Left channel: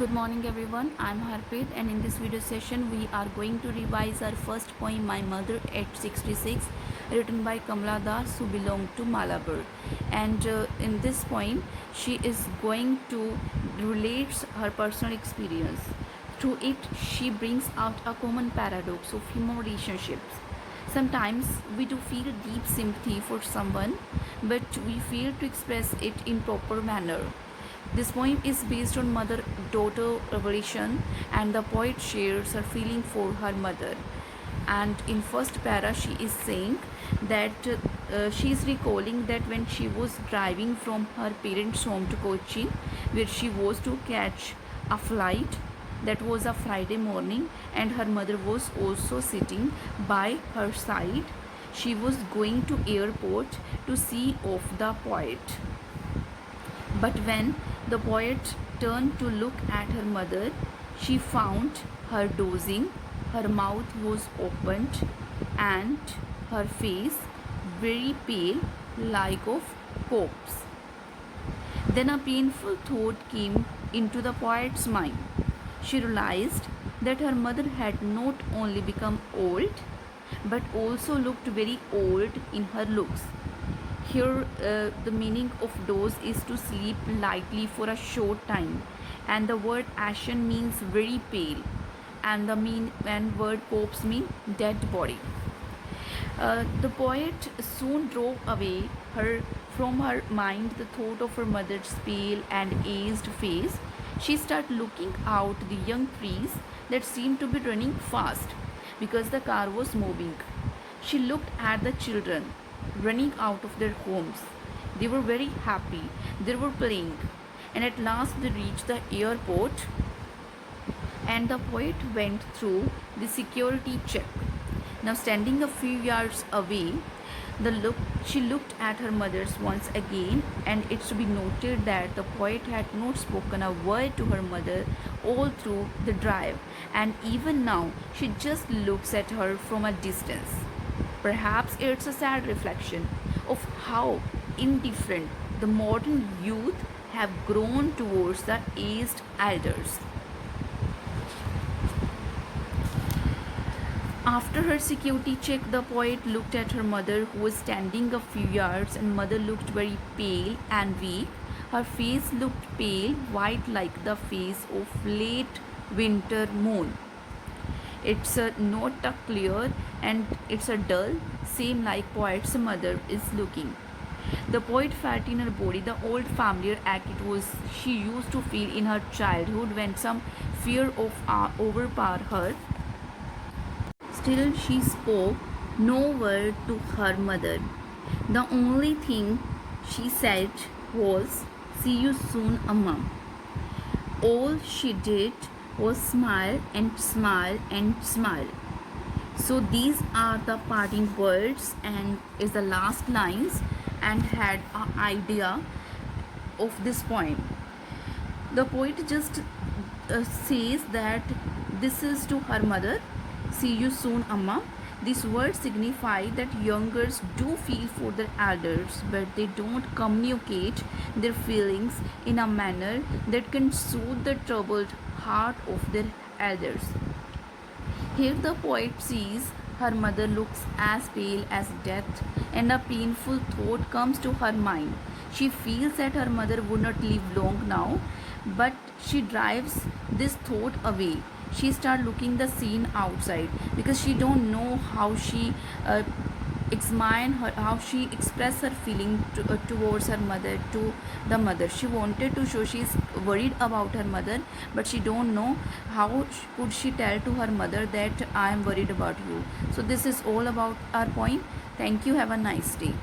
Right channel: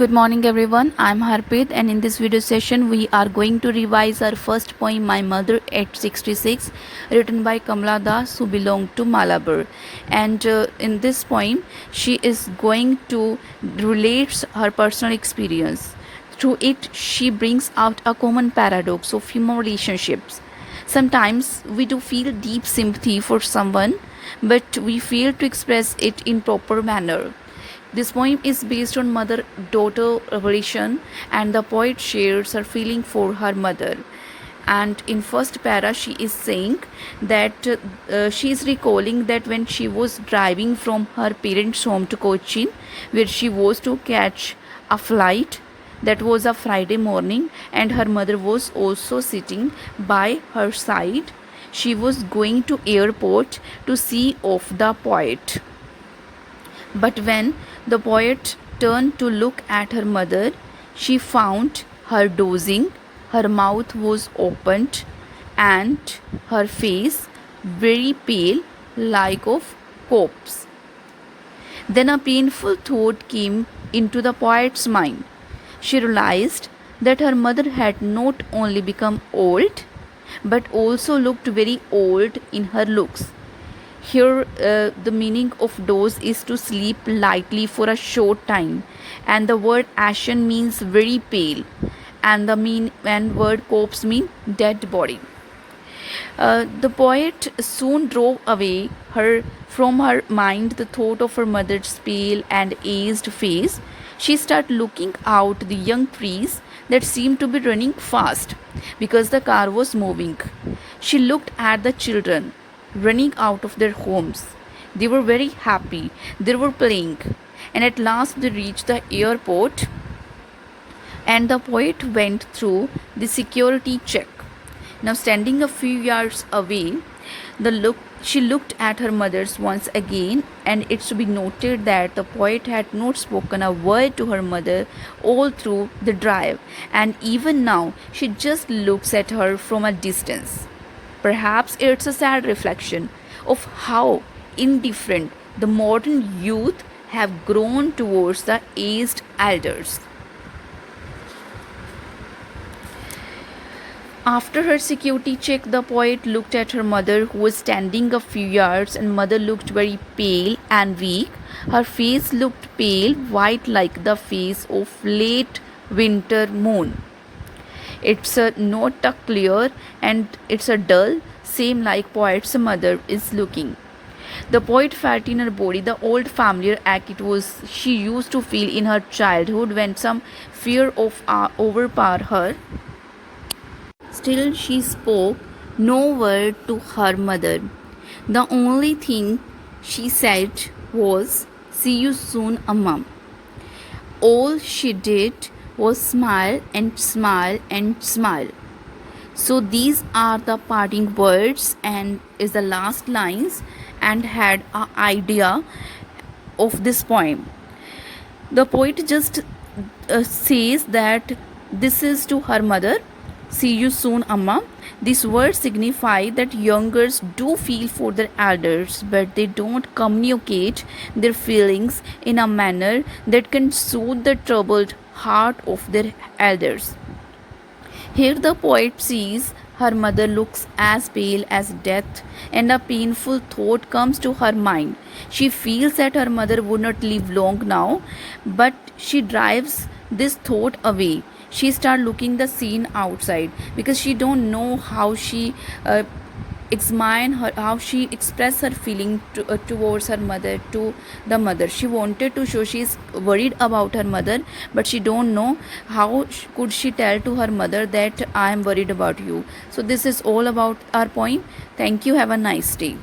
Good morning everyone, I'm Harpreet and in this video session we are going to revise our first poem My Mother at 66 written by Kamala Das who belonged to Malabar. And in this poem she is going to relate her personal experience. Through it she brings out a common paradox of human relationships. Sometimes we do feel deep sympathy for someone but we fail to express it in proper manner. This poem is based on mother daughter relation, and the poet shares her feeling for her mother. And in first para, she is saying that she is recalling that when she was driving from her parents' home to Cochin, where she was to catch a flight, that was a Friday morning, and her mother was also sitting by her side. She was going to airport to see off the poet. But when the poet turned to look at her mother, she found her dozing, her mouth was opened, and her face very pale, like of corpse. Then a painful thought came into the poet's mind. She realized that her mother had not only become old, but also looked very old in her looks. Here, the meaning of doze is to sleep lightly for a short time, and the word ashen means very pale, and the word corpse mean dead body. The poet soon drove away from her mind the thought of her mother's pale and aged face. She started looking out the young trees that seemed to be running fast because the car was moving. She looked at the children running out of their homes. They were very happy. They were playing. And at last they reached the airport and the poet went through the security check. Now standing a few yards away, she looked at her mother's once again, and it's to be noted that the poet had not spoken a word to her mother all through the drive, and even now she just looks at her from a distance. Perhaps it's a sad reflection of how indifferent the modern youth have grown towards the aged elders. After her security check, the poet looked at her mother, who was standing a few yards, and mother looked very pale and weak. Her face looked pale, white like the face of late winter moon. It's not a clear and it's a dull, same like poet's mother is looking. The poet felt in her body the old familiar ache it was she used to feel in her childhood when some fear of overpowered her. Still she spoke no word to her mother. The only thing she said was, "See you soon, Amma." All she did was smile and smile and smile. So these are the parting words and is the last lines and had an idea of this poem. The poet just says that this is to her mother. See you soon, Amma. These words signify that youngers do feel for their elders, but they don't communicate their feelings in a manner that can soothe the troubled heart of their elders. Here the poet sees her mother looks as pale as death, and a painful thought comes to her mind. She feels that her mother would not live long now, but she drives this thought away. She starts looking the scene outside because she don't know how she how she express her feeling towards her mother, to the mother. She wanted to show she is worried about her mother, but she don't know how could she tell to her mother that I am worried about you. So this is all about our poem. Thank you. Have a nice day.